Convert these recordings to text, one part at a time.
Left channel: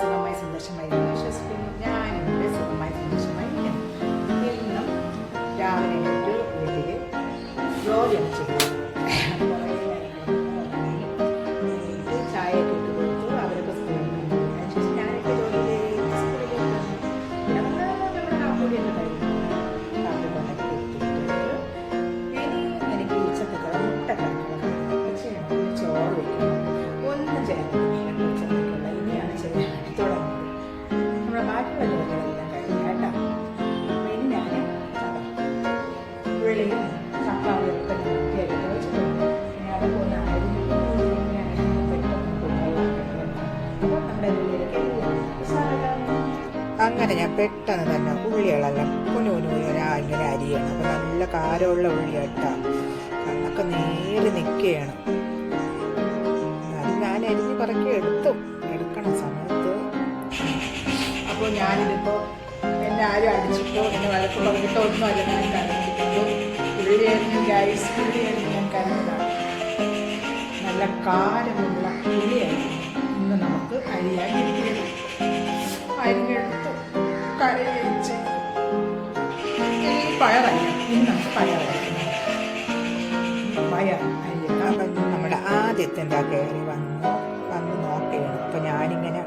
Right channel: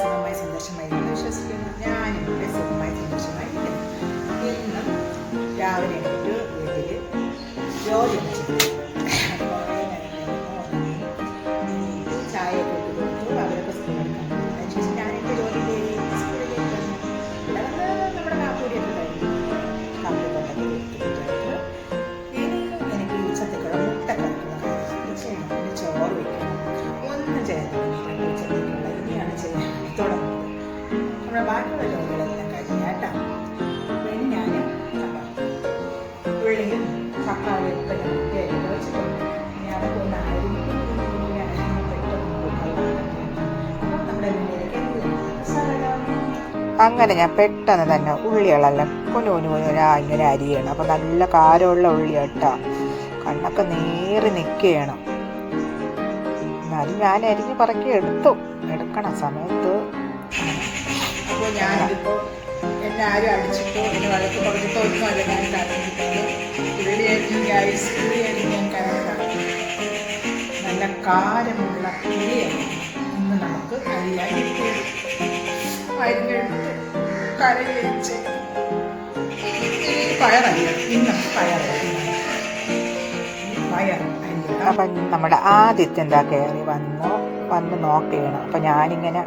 സുഖമായി സന്തോഷമായി എന്ന് വിശ്വസിക്കുന്നു. ഞാനിവിടെ സുഖമായി സന്തോഷമായി ഇരിക്കുന്നു. ഇന്നും രാവിലെ എണീറ്റ് വീട്ടിൽ ജോലിയൊന്നും ചെയ്തു ചായയൊക്കെ ഇട്ട് കൊടുത്തു. അവരൊക്കെ സ്കൂളിൽ എടുക്കാൻ. അതിനുശേഷം ഞാനൊക്കെ സ്കൂളിലേക്ക് വന്നു. ഇവിടെ വന്ന് നമ്മുടെ കാപ്പൂടിയൊക്കെ കഴിഞ്ഞു. കാപ്പിയൊക്കെ ഉണ്ടാക്കി കൊടുത്തു കുട്ടികൾക്ക്. ഇനി എനിക്ക് ഉച്ചത്തേക്കുള്ള മുട്ടക്കറിക്കുള്ള കാര്യങ്ങളൊക്കെ ചെയ്യണം. പിന്നെ ചോറ് വയ്ക്കണം. ഒന്നും ചെയ്യാൻ തുടങ്ങിയിട്ടുണ്ട് ഉച്ചത്തേക്കുള്ള. ഇനിയാണ് ചെയ്യാൻ തുടങ്ങുന്നത്. നമ്മുടെ ബാക്കിയുള്ള ജോലികളെല്ലാം കഴിഞ്ഞു കേട്ടോ. അപ്പോൾ ഇനി ഞാൻ ഉള്ളിയും തക്കാളിയും ഒക്കെ ഞാൻ വൃത്തിയാക്കിയിട്ട് വെച്ചിട്ടുണ്ട്. ഇനി അതൊക്കെ ഒന്ന് അരിഞ്ഞ് പെട്ടെന്ന് കുക്കറിലാക്കട്ടെ. അപ്പം നമ്മുടെ ഉള്ളിലേക്ക് അങ്ങനെ ഞാൻ പെട്ടെന്ന് തന്നെ ഉള്ളികളെല്ലാം കുഞ്ഞു ഇങ്ങനെ അരിയണം. അപ്പം നല്ല കാരമുള്ള ഉള്ളി കേട്ടോ. കണ്ണൊക്കെ നേറി നിൽക്കുകയാണ്. എന്നാലും ഞാൻ അരിഞ്ഞ് പറക്കി എടുക്കണ സമയത്ത്. അപ്പോൾ ഞാനിതിപ്പോൾ എന്നെ ആരും അടിച്ചിട്ടോ എന്നെ വഴക്ക് പറഞ്ഞിട്ടോ ഒന്നുമല്ല ഞാൻ കരഞ്ഞിരിക്കുന്നത്. ഉള്ളിയായിരുന്നു ഗ്യാസ് ഉള്ളിയായിരുന്നു ഞാൻ കരഞ്ഞതാണ്. നല്ല കാരമുള്ള ഉള്ളിയായിരുന്നു ഇന്ന് നമുക്ക് അരിയാൻ കിട്ടിയത്. അരിഞ്ഞെടുത്തു കരയുകയും ചെയ്തു. ഇനി പയറരിയണം. ഇന്ന് നമുക്ക് പയറരിയണം. അപ്പം നമ്മുടെ ആദ്യത്തെ എന്താ കയറി വന്ന് നോക്കുകയാണ്. അപ്പം ഞാനിങ്ങനെ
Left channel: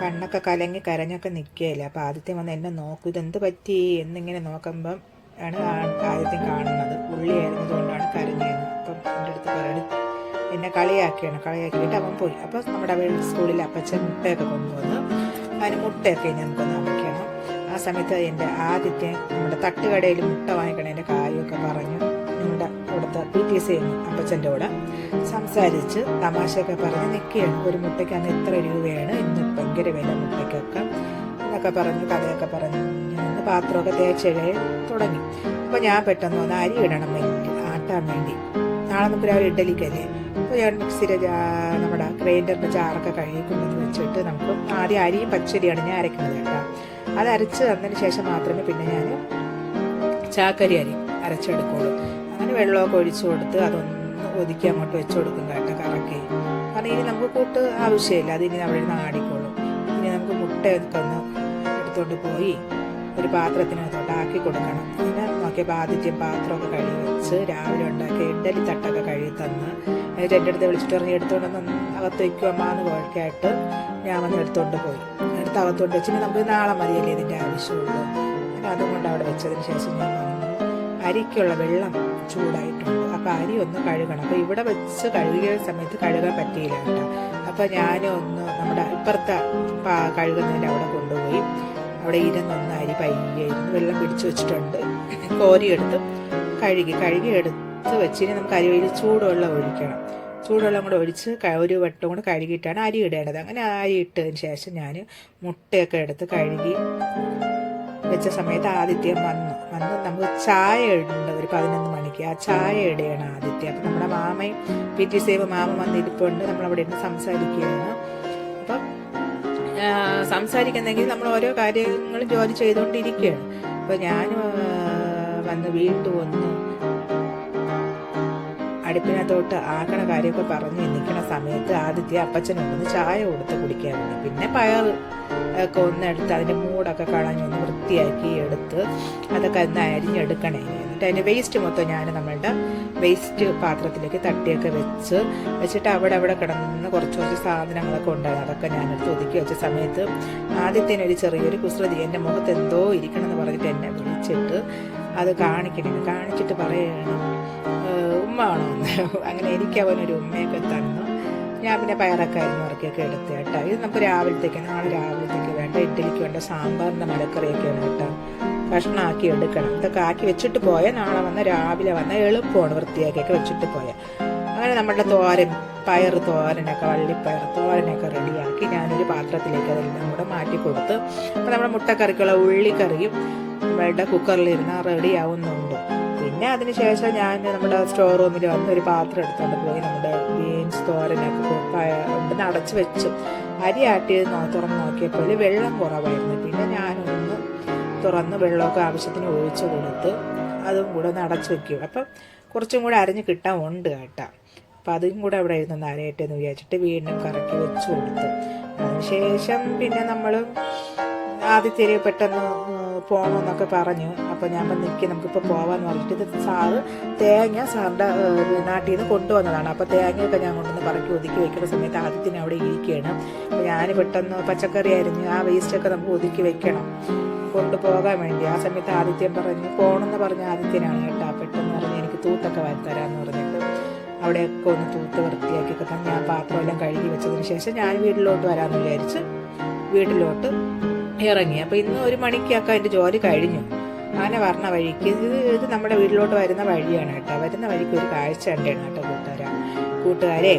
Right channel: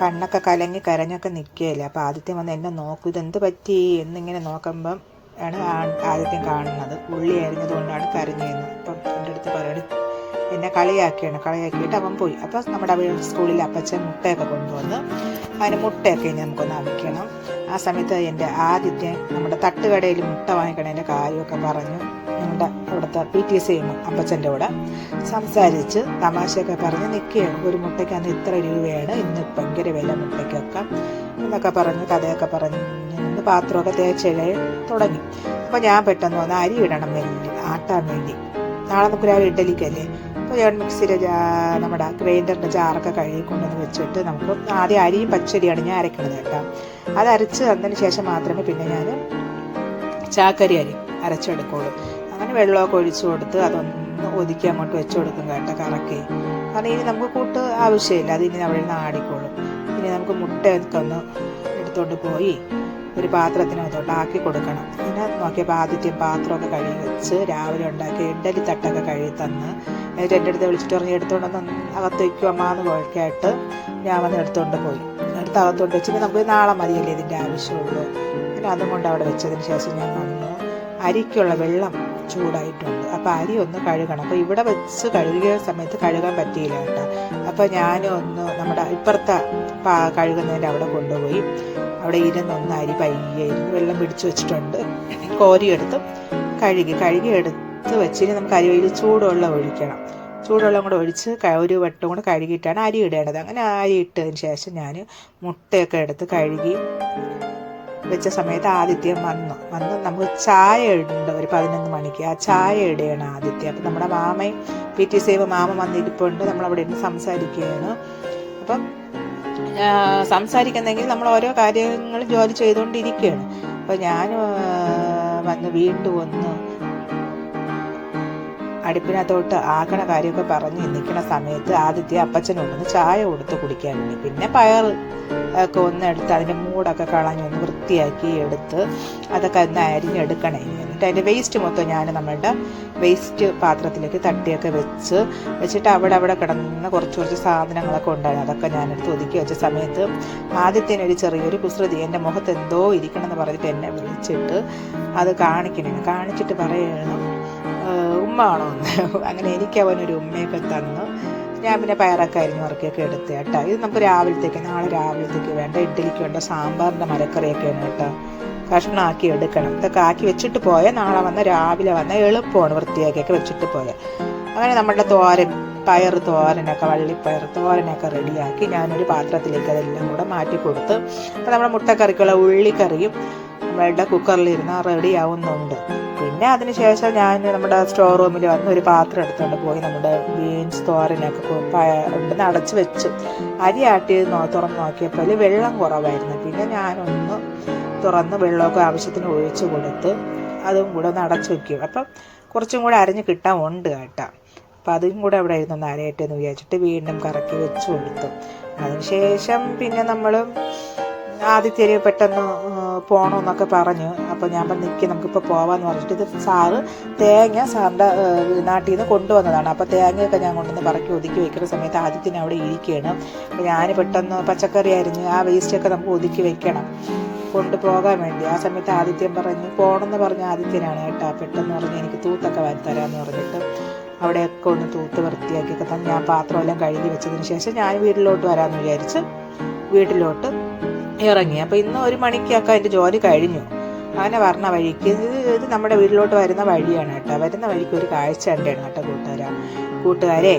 കണ്ണൊക്കെ കലങ്ങി കരഞ്ഞൊക്കെ നിൽക്കുകയില്ല. അപ്പോൾ ആദ്യത്തെ വന്ന് എന്നെ നോക്കും, ഇതെന്ത് പറ്റി എന്നിങ്ങനെ നോക്കുമ്പം ആണ് ആദ്യത്തെയും കാണുന്നത്. ഉള്ളി അരിഞ്ഞതുകൊണ്ടാണ് കരഞ്ഞതെന്ന്. അപ്പം എൻ്റെ അടുത്ത് പറയണ എന്നെ കളിയാക്കിയിട്ട് അവൻ പോയി. അപ്പോൾ നമ്മുടെ സ്കൂളിൽ അപ്പച്ചൻ മുട്ടയൊക്കെ കൊണ്ടുവന്ന് അതിന് മുട്ടയൊക്കെ ഇനി നമുക്കൊന്ന് അവിക്കണം. ആ സമയത്ത് എൻ്റെ ആദ്യത്തെ നമ്മുടെ തട്ടുകടയിൽ മുട്ട വാങ്ങിക്കണതിൻ്റെ കാര്യമൊക്കെ പറഞ്ഞ് നമ്മുടെ അവിടുത്തെ PTCM അപ്പച്ചൻ്റെ കൂടെ സംസാരിച്ച് തമാശയൊക്കെ പറഞ്ഞ് നിൽക്കുകയാണ്. ഒരു മുട്ടയ്ക്ക് അന്ന് ഇത്ര രൂപയാണ്, ഇന്ന് ഭയങ്കര വില മുട്ടയ്ക്കൊക്കെ എന്നൊക്കെ പറഞ്ഞ് കഥയൊക്കെ പറഞ്ഞ് നിന്ന് പാത്രമൊക്കെ തേച്ച് തുടങ്ങി. അപ്പോൾ ഞാൻ പെട്ടെന്ന് വന്ന് അരി ഇടണം ആട്ടാൻ വേണ്ടി. നാളെ നമുക്ക് രാവിലെ ഇഡ്ഡലിക്കല്ലേ. അപ്പോൾ ഞാൻ മിക്സിയുടെ നമ്മുടെ ഗ്രൈൻഡറിൻ്റെ ജാറൊക്കെ കഴുകി കൊണ്ടുവന്ന് വെച്ചിട്ട് നമുക്ക് ആദ്യം അരിയും പച്ചരിയാണ് ഞാൻ അരയ്ക്കണത് കേട്ടോ. അത് അരച്ച് തന്നതിന് ശേഷം മാത്രമേ പിന്നെ ഞാൻ ചാക്കരി അരച്ചെടുക്കുള്ളൂ. അങ്ങനെ വെള്ളമൊക്കെ ഒഴിച്ചു കൊടുത്ത് അതൊന്ന് ഒതുക്കി അങ്ങോട്ട് വെച്ച് കൊടുക്കും കേട്ടോ കറക്കി. കാരണം ഇനി നമുക്ക് കൂട്ട് ആവശ്യമില്ല, അതിനി അവിടെ ഇരുന്ന് ആടിക്കോളും. ഇനി നമുക്ക് മുട്ടയൊക്കെ ഒന്ന് എടുത്തുകൊണ്ട് പോയി ഒരു പാത്രത്തിനകത്തോട്ട് ആക്കി കൊടുക്കണം. അങ്ങനെ നോക്കിയപ്പോൾ ആദ്യത്തെ പാത്രമൊക്കെ കഴുകി വെച്ച് രാവിലെ ഉണ്ടാക്കിയ ഇഡ്ഡലി തട്ടൊക്കെ കഴുകി തന്ന് എന്നിട്ട് എൻ്റെ അടുത്ത് വിളിച്ചിട്ട് പറഞ്ഞ് എടുത്തുകൊണ്ടൊന്ന് അകത്ത് വയ്ക്കും അമ്മാന്ന് കുഴക്കായിട്ട് ഞാൻ വന്ന് എടുത്തുകൊണ്ട് പോയി. എടുത്ത് അകത്തോണ്ട് വെച്ചിട്ട് നമുക്ക് നാളെ മതിയല്ലേ ഇതിൻ്റെ ആവശ്യമുള്ളൂ. അങ്ങനെ അതും കൊണ്ട് അവിടെ വെച്ചതിന് ശേഷം ഞാൻ വന്നു. അരിക്കുള്ള വെള്ളം ചൂടായിട്ടുണ്ട്. അപ്പോൾ അരി ഒന്ന് കഴുകണം. അപ്പോൾ ഇവിടെ വെച്ച് കഴുകിയ സമയത്ത് കഴുകാൻ പറ്റിയില്ല കേട്ടോ. അപ്പോൾ ഞാനൊന്ന് നമ്മുടെ ഇപ്പുറത്തെ കഴുകുന്നതിൻ്റെ അവിടെ കൊണ്ടുപോയി അവിടെ ഇരുന്നൊന്ന് അരി പയ്യായിരുന്നു വെള്ളം പിടിച്ച് വെച്ചിട്ടുണ്ട്. കോരിയെടുത്ത് കഴുകി എടുത്ത് വെച്ചിട്ട് നമുക്ക് അരിയിൽ ചൂടുവെള്ളം ഒഴിക്കണം. ചൂടുവെള്ളം കൂടെ ഒഴിച്ച് ഒരു വട്ടം കൂടെ കഴുകിയിട്ടാണ് അരി ഇടേണ്ടത്. അങ്ങനെ അരി ഇട്ടതിന് ശേഷം ഞാൻ മുട്ടയൊക്കെ എടുത്ത് കഴുകി വെച്ച സമയത്ത് ആദിത്യം വന്നു നമുക്ക് ചായ ഇടേണ്ട ഒരു 11 മണിക്ക്. ആ ചായ ഇടുകയാണ് ആദിത്യം. അപ്പം നമ്മുടെ മാമയും PTCM മാമ വന്നിരിപ്പുണ്ട്. നമ്മളവിടെ ഇരുന്ന് സംസാരിക്കുകയാണ്. അപ്പം സംസാരിക്കുന്നെങ്കിൽ നമ്മൾ ഓരോ കാര്യങ്ങൾ ജോലി ചെയ്തുകൊണ്ടിരിക്കുകയാണ്. അപ്പോൾ ഞാൻ വീണ്ടും ഒന്ന് അടുപ്പിനകത്തോട്ട് ആക്കണ കാര്യമൊക്കെ പറഞ്ഞ് നിൽക്കണ സമയത്ത് ആദിത്യ അപ്പച്ചനോടൊന്ന് ചായ കൊടുത്ത് കുടിക്കാൻ വേണ്ടി. പിന്നെ പയർ ഒക്കെ ഒന്ന് എടുത്ത് അതിൻ്റെ മൂടൊക്കെ കളഞ്ഞൊന്ന് വൃത്തിയാക്കി എടുത്ത് അതൊക്കെ ഒന്ന് അരിഞ്ഞെടുക്കണേ. എന്നിട്ട് അതിൻ്റെ വേസ്റ്റ് മൊത്തം ഞാൻ നമ്മളുടെ വേസ്റ്റ് പാത്രത്തിലേക്ക് തട്ടിയൊക്കെ വെച്ചിട്ട് അവിടെ കിടന്ന് കുറച്ച് സാധനങ്ങളൊക്കെ ഉണ്ടായിരുന്നു. അതൊക്കെ ഞാനെടുത്ത് ഒതുക്കി വെച്ച സമയത്ത് ആദ്യത്തേനൊരു ചെറിയൊരു കുസൃതി. എൻ്റെ മുഖത്ത് എന്തോ ഇരിക്കണമെന്ന് പറഞ്ഞിട്ട് എന്നെ വിളിച്ചിട്ട് അത് കാണിച്ചിട്ട് പറയണം ഉമ്മ ആണോ എന്ന്. അങ്ങനെ എനിക്ക് അവനൊരു ഉമ്മയൊക്കെ തന്നു. ഞാൻ പിന്നെ പയറൊക്കെ അരിഞ്ഞുറക്കിയൊക്കെ എടുത്ത് കേട്ടോ. ഇത് നമുക്ക് നാളെ രാവിലത്തേക്ക് വേണ്ട ഇഡ്ഡലിക്ക് വേണ്ട സാമ്പാറിൻ്റെ മലക്കറിയൊക്കെയാണ് കേട്ടോ. കഷ്ണമാക്കി എടുക്കണം. ഇതൊക്കെ ആക്കി വെച്ചിട്ട് പോയാൽ നാളെ രാവിലെ എളുപ്പമാണ് വൃത്തിയാക്കിയൊക്കെ വെച്ചിട്ട് പോയാൽ. അങ്ങനെ നമ്മുടെ പയർ തോരനൊക്കെ വള്ളിപ്പയർ തോരനൊക്കെ റെഡിയാക്കി ഞാനൊരു പാത്രത്തിലേക്ക് അതെല്ലാം കൂടെ മാറ്റി കൊടുത്ത്. അപ്പോൾ നമ്മുടെ മുട്ടക്കറിക്കുള്ള ഉള്ളിക്കറിയും നമ്മളുടെ കുക്കറിലിരുന്ന് റെഡി ആവുന്നുണ്ട്. പിന്നെ അതിന് ശേഷം ഞാൻ നമ്മുടെ സ്റ്റോർ റൂമിൽ വന്ന് ഒരു പാത്രം എടുത്തുകൊണ്ട് പോയി നമ്മുടെ ബീൻസ് തോരനൊക്കെ ഉണ്ടെന്ന് അടച്ച് വെച്ചു. അരി ആട്ടി തുറന്ന് നോക്കിയപ്പോൾ വെള്ളം കുറവായിരുന്നു. പിന്നെ ഞാനൊന്ന് തുറന്ന് വെള്ളമൊക്കെ ആവശ്യത്തിന് ഒഴിച്ച് കൊടുത്ത് അതും കൂടെ ഒന്ന് അടച്ച് വയ്ക്കും. അപ്പം കുറച്ചും കൂടെ അരിഞ്ഞ് കിട്ടാൻ ഉണ്ട് കേട്ടോ. അപ്പോൾ അതും കൂടെ അവിടെ ഇരുന്നൊന്ന് അരയട്ടെ എന്ന് വിചാരിച്ചിട്ട് വീണ്ടും കറക്കി വെച്ച് കൊടുത്തു. അതിനുശേഷം പിന്നെ നമ്മൾ ആദ്യത്തേര് പെട്ടെന്ന് പോകണമെന്നൊക്കെ പറഞ്ഞു. അപ്പോൾ ഞാൻ നിൽക്കി നമുക്കിപ്പോൾ പോകാമെന്ന് പറഞ്ഞിട്ട് ഇത് തേങ്ങ സാറിൻ്റെ നാട്ടിൽ നിന്ന് കൊണ്ടുവന്നതാണ്. അപ്പോൾ തേങ്ങയൊക്കെ ഞാൻ കൊണ്ടുവന്ന് പറക്കി ഒതുക്കി വയ്ക്കുന്ന സമയത്ത് ആദ്യത്തിന് അവിടെ ഇരിക്കുകയാണ്. അപ്പോൾ ഞാൻ പെട്ടെന്ന് പച്ചക്കറി അരിഞ്ഞ് ആ വേസ്റ്റൊക്കെ നമുക്ക് ഒതുക്കി വെക്കണം കൊണ്ടുപോകാൻ വേണ്ടി. ആ സമയത്ത് ആദിത്യം പറഞ്ഞ് പോകണമെന്ന് പറഞ്ഞ ആദിത്യനാണ് കേട്ടോ. പെട്ടെന്ന് പറഞ്ഞ് എനിക്ക് തൂത്തൊക്കെ വരുത്തരാമെന്ന് പറഞ്ഞിട്ട് അവിടെയൊക്കെ ഒന്ന് തൂത്ത് വൃത്തിയാക്കിയൊക്കെ തന്നെ ഞാൻ പാത്രമെല്ലാം കഴുകി വെച്ചതിന് ശേഷം ഞാൻ വീട്ടിലോട്ട് വരാമെന്ന് വിചാരിച്ച് വീട്ടിലോട്ട് ഇറങ്ങി. അപ്പോൾ ഇന്ന് 1 മണിക്കൊക്കെ അതിൻ്റെ ജോലി കഴിഞ്ഞു. അങ്ങനെ പറഞ്ഞ വഴിക്ക് ഇത് നമ്മുടെ വീട്ടിലോട്ട് വരുന്ന വഴിയാണ് കേട്ടോ. വരുന്ന വഴിക്ക് ഒരു കാഴ്ച കണ്ടാണ് കേട്ടോ കൂട്ടുകാരെ.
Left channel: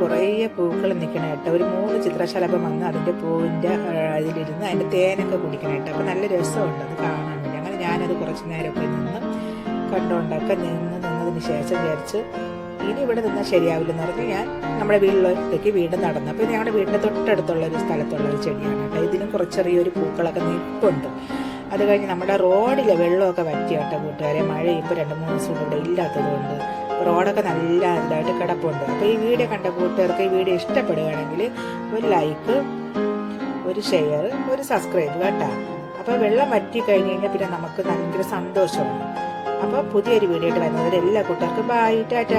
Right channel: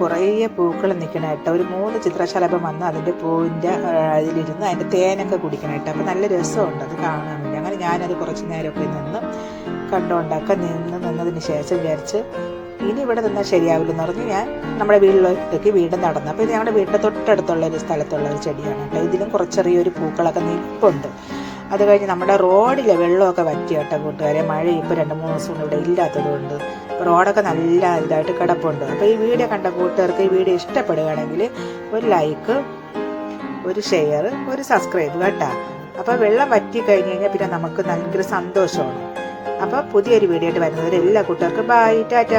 കുറേ പൂക്കൾ നിൽക്കണം കേട്ടോ. ഒരു 3 ചിത്രശലഭം വന്ന് അതിൻ്റെ പൂവിൻ്റെ അതിലിരുന്ന് അതിൻ്റെ തേനൊക്കെ കുടിക്കണം കേട്ടോ. അപ്പോൾ നല്ല രസമുണ്ട് അത് കാണാൻ വേണ്ടി. അങ്ങനെ ഞാനത് കുറച്ച് നേരമൊക്കെ നിന്ന് കണ്ടുകൊണ്ടൊക്കെ നിന്നതിന് ശേഷം വിചാരിച്ച് ഇനി ഇവിടെ നിന്നാൽ ശരിയാവില്ലെന്ന് പറഞ്ഞ് ഞാൻ നമ്മുടെ വീട്ടിലേക്ക് വീണ്ടും നടന്നു. അപ്പോൾ ഇത് ഞങ്ങളുടെ വീടിൻ്റെ തൊട്ടടുത്തുള്ള ഒരു സ്ഥലത്തുള്ള ഒരു ചെടിയാണ് കേട്ടോ. ഇതിലും കുറച്ച് ചെറിയൊരു പൂക്കളൊക്കെ നിൽപ്പുണ്ട്. അത് കഴിഞ്ഞ് നമ്മുടെ റോഡിലെ വെള്ളമൊക്കെ വറ്റി കേട്ടോ കൂട്ടുകാരെ. മഴ ഇപ്പോൾ 2-3 ദിവസം കൊണ്ട് ഇവിടെ ഇല്ലാത്തതുകൊണ്ട് റോഡൊക്കെ നല്ല ഇതായിട്ട് കിടപ്പുണ്ട്. അപ്പോൾ ഈ വീഡിയോ കണ്ട കൂട്ടുകാർക്ക് ഈ വീഡിയോ ഇഷ്ടപ്പെടുകയാണെങ്കിൽ ഒരു ലൈക്ക്, ഒരു ഷെയർ, ഒരു സബ്സ്ക്രൈബ് കേട്ടോ. അപ്പോൾ വെള്ളം വറ്റി കഴിഞ്ഞ് കഴിഞ്ഞാൽ പിന്നെ നമുക്ക് ഭയങ്കര സന്തോഷമാണ്. അപ്പോൾ പുതിയൊരു വീഡിയോ ആയിട്ട് വരുന്നവർ എല്ലാ കൂട്ടുകാർക്കും ബൈ, ടാറ്റാ.